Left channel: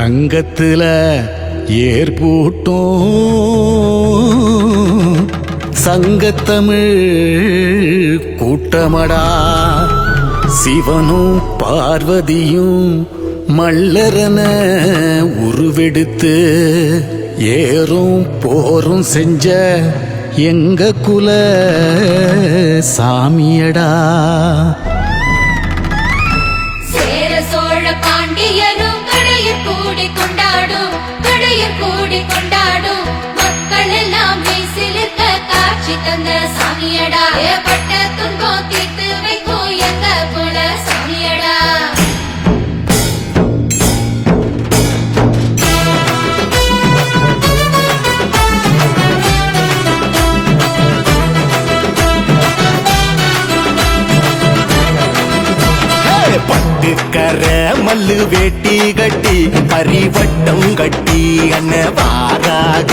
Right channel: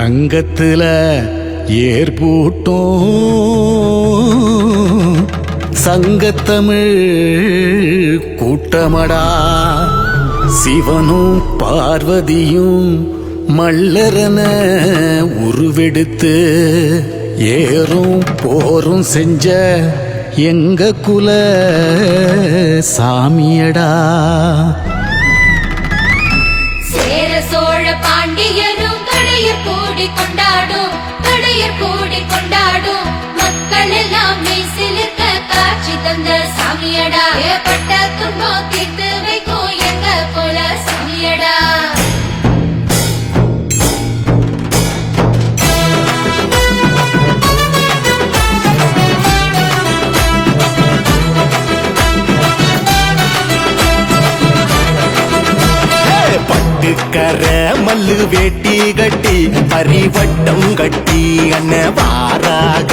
சங்கத்துல ஏற்பூட்டும். சங்கத்தமிழ் கூட்டமடா. சிவனும் பார்வதியும் மல்லரன உருவெடுத்து ஏறும் போரும் செஞ்ச எங்க குல சாமியடா. பட்டுக்கர மல்லு வேட்டி கட்டி பரிவட்டம் கட்டி அண்ண வாராக.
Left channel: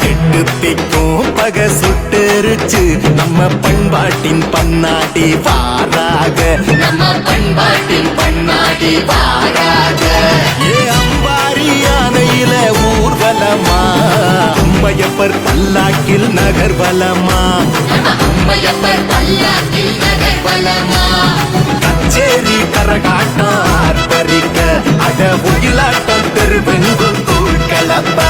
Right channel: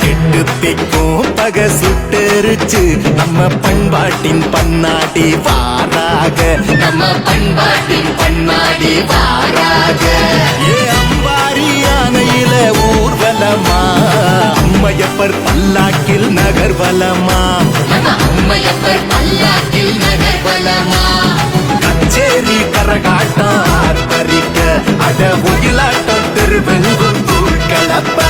எட்டு திக்கும் பக சுட்டெரிச்சு நம்ம பண்பாட்டின் பன்னாடி வாராக. வாராக. ஏ அம்பாரி யானையில ஊர்வலமா? அம்மையப்பர் பல்லாக்கில் நகர்வலமாம் கச்சேரி கரகாட்டம் ஆர்ப்பரிக்க அட உயிலாட்டம் தெருவெங்கும் தூள் கலப்ப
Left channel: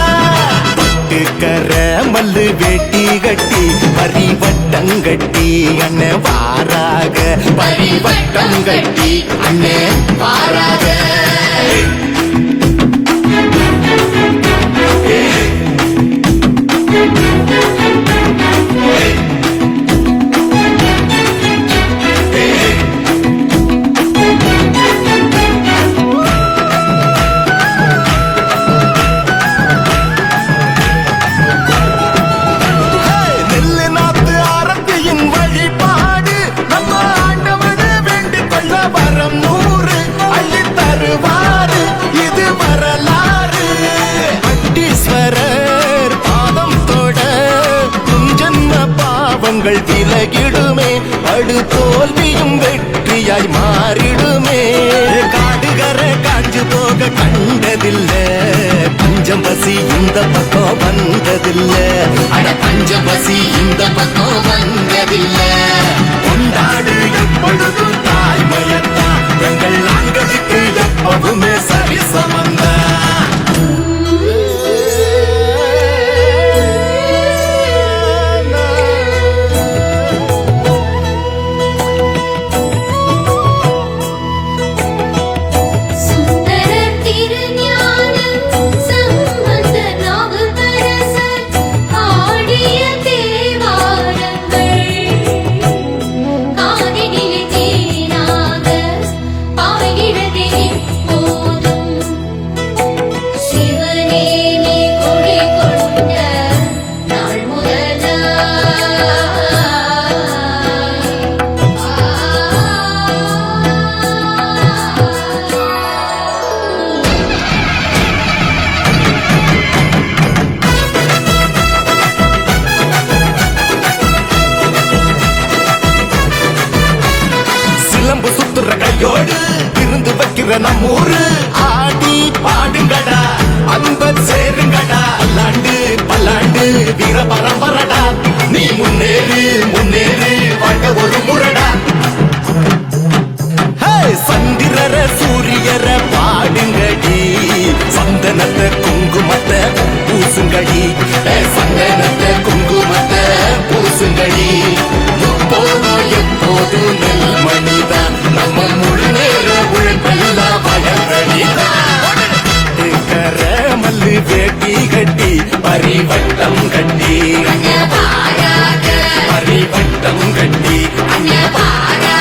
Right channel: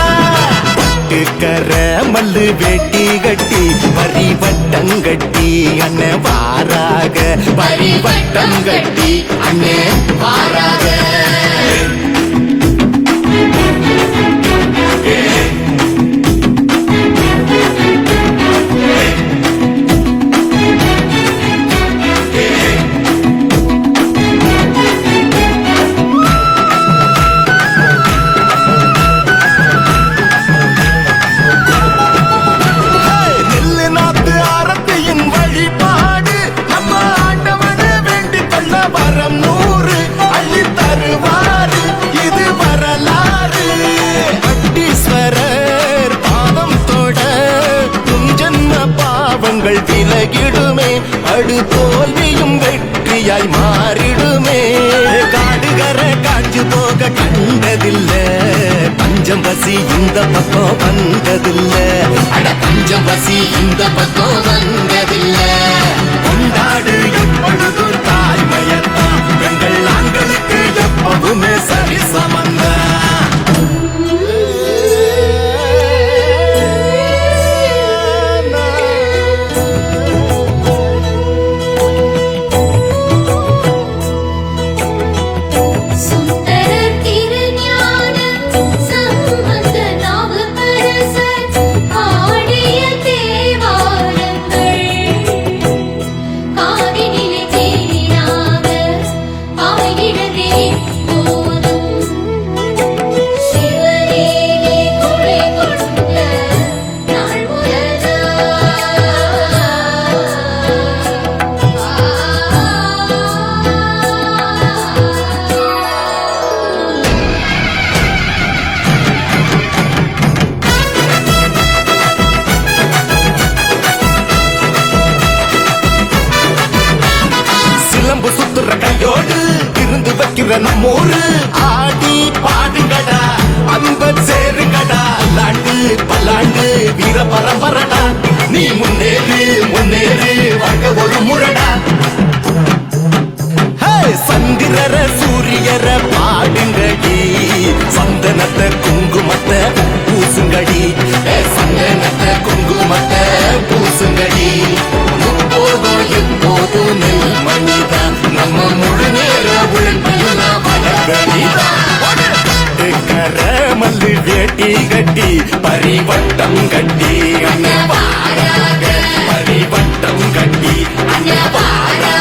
கர மல்லு வேட்டி கட்டி பரிவட்டம் கட்டி அண்ணே வாராக பரிவட்டம் கட்டி அண்ணே வாராக. பாவங்கள் விலகிடுமே படு தோல்வியும் வெற்றியாய் மாறிடுமே. காடுகர காஞ்சு போக கண்டதில்ல பஞ்சம் பசி இந்த பக்கம் வந்ததில்ல. அட பஞ்சம் பசி இந்த பக்கம் வந்ததில்ல. கொண்டாடு எப்பொழுதும் தாய்மையத்தான் பெண்கள் ஆண்களுக்கு எப்பவுமே சரி திருஞான சிலம்பு சுத்துற கையோடு இருந்து வைக்கிற நம்மூரு ஆடி பாடுங்கடா அன்ப சேருங்கடா. பல்லாண்டு பல்லாண்டு வீர பரம்பரடா. நீ முன்னேறு முன்னேறு வாழ்க ஒரு முரடா. சந்திரர சூரியர பாடுங்கடி. சந்தனத்தை குங்குமத்தை பூசுங்கடி. சந்தனத்தை குங்குமத்தை பூசுங்கடி. வந்து வேட்டி கட்டி பரிவட்டம் கட்டி பரிவட்டம் கட்டி அங்கே பாட